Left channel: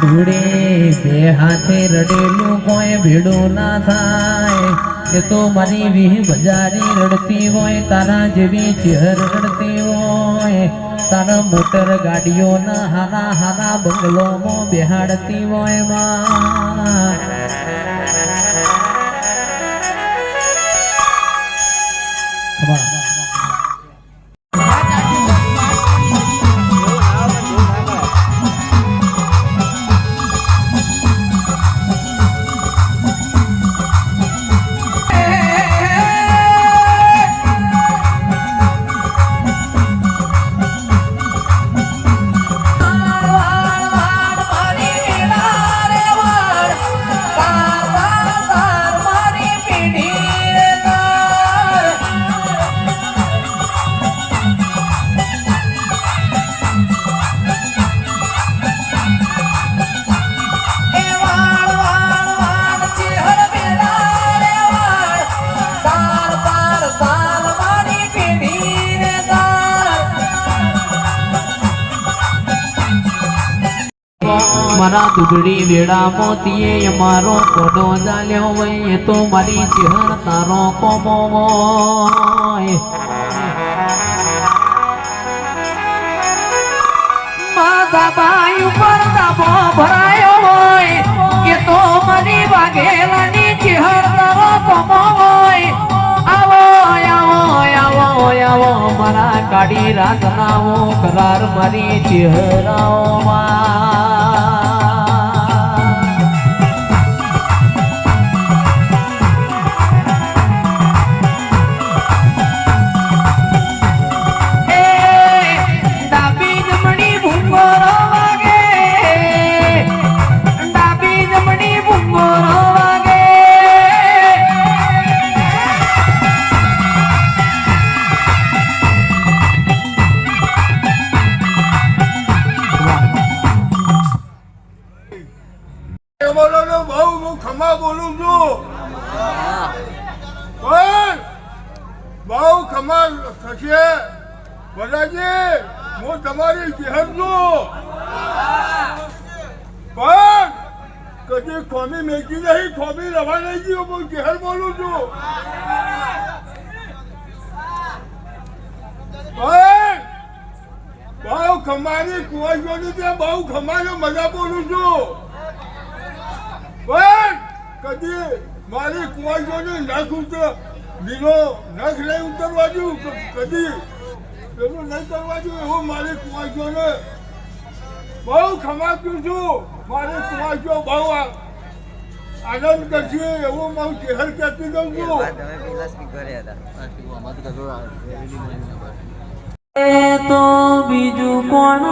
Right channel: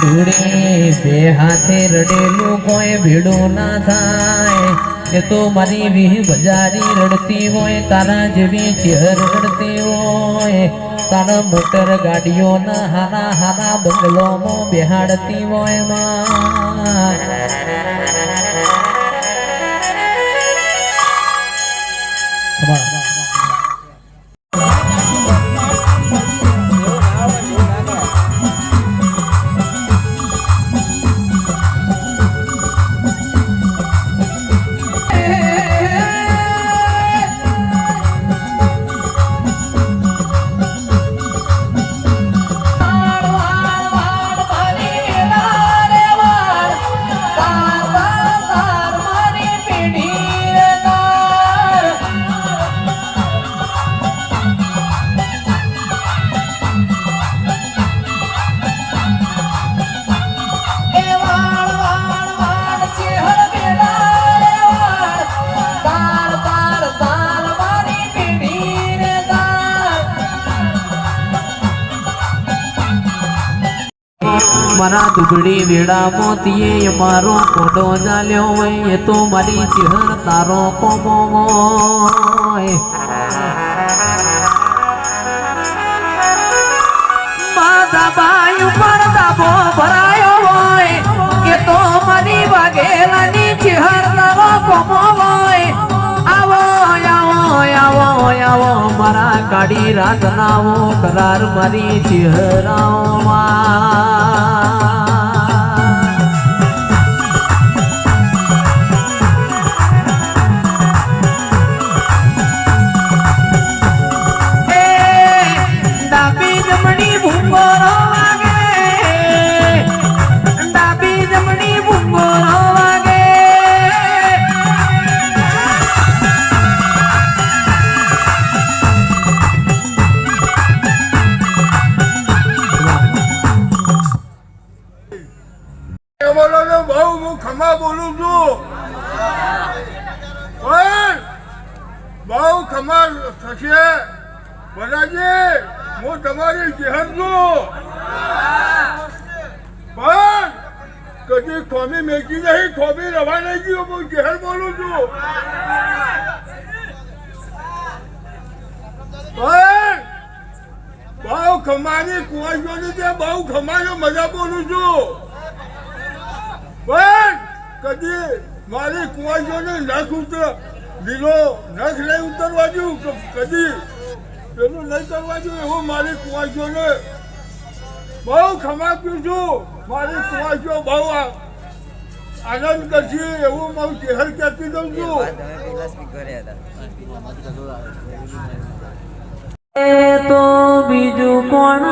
ધૂળે બે હાથે રડેલું કોઈ ભીડો ના થાય. એ તો મારી વિહ બજારી રડતી હોય, તારા જેવી ચહેર રડતી હોય. તારા મોટર ગાડીઓના હારા હાના બંગલોમાં બેહાડતી હોયમાં. દુબળી વેળા મોતીએ મારો કોડો ચાલ્યો હોય તો મારી ચહેર તારો કોમો ભરાયો હોય, એ તો મની વાઘેલાની ચહેર રાતનાઓ કરાર મારી ચહેરાઓમાં. બોલો ને બહુ હું ખમા બોલું છું. પણ બહુ ખમા થશે. બધાજી, હું તમારી શહેર છું. પણ કદી થોમી મેકી નહીં ખોબી રવા નહીં ગયો, હું શહેર બોલું છું. પણ બહુ ખમાની કુવાશોની ત્યાં બહુ ખમાનો મજા બોલું છું. કદી મારી કુવાઈઓને નખ ઉતર લીલો નખ નહીં ઉતરવા દઉં કદી પેલું નહીં કરવા દઉં એવું મારી કુવાઈઓને બહુ ખમાપ્યું છું. મારી કુવાઈઓ બહુ આ- આનંદ કરશે એવું મારું ચહેર કહેતી દઉં છું. વાત પેલા સ્પીકરે તો બીજું કોણ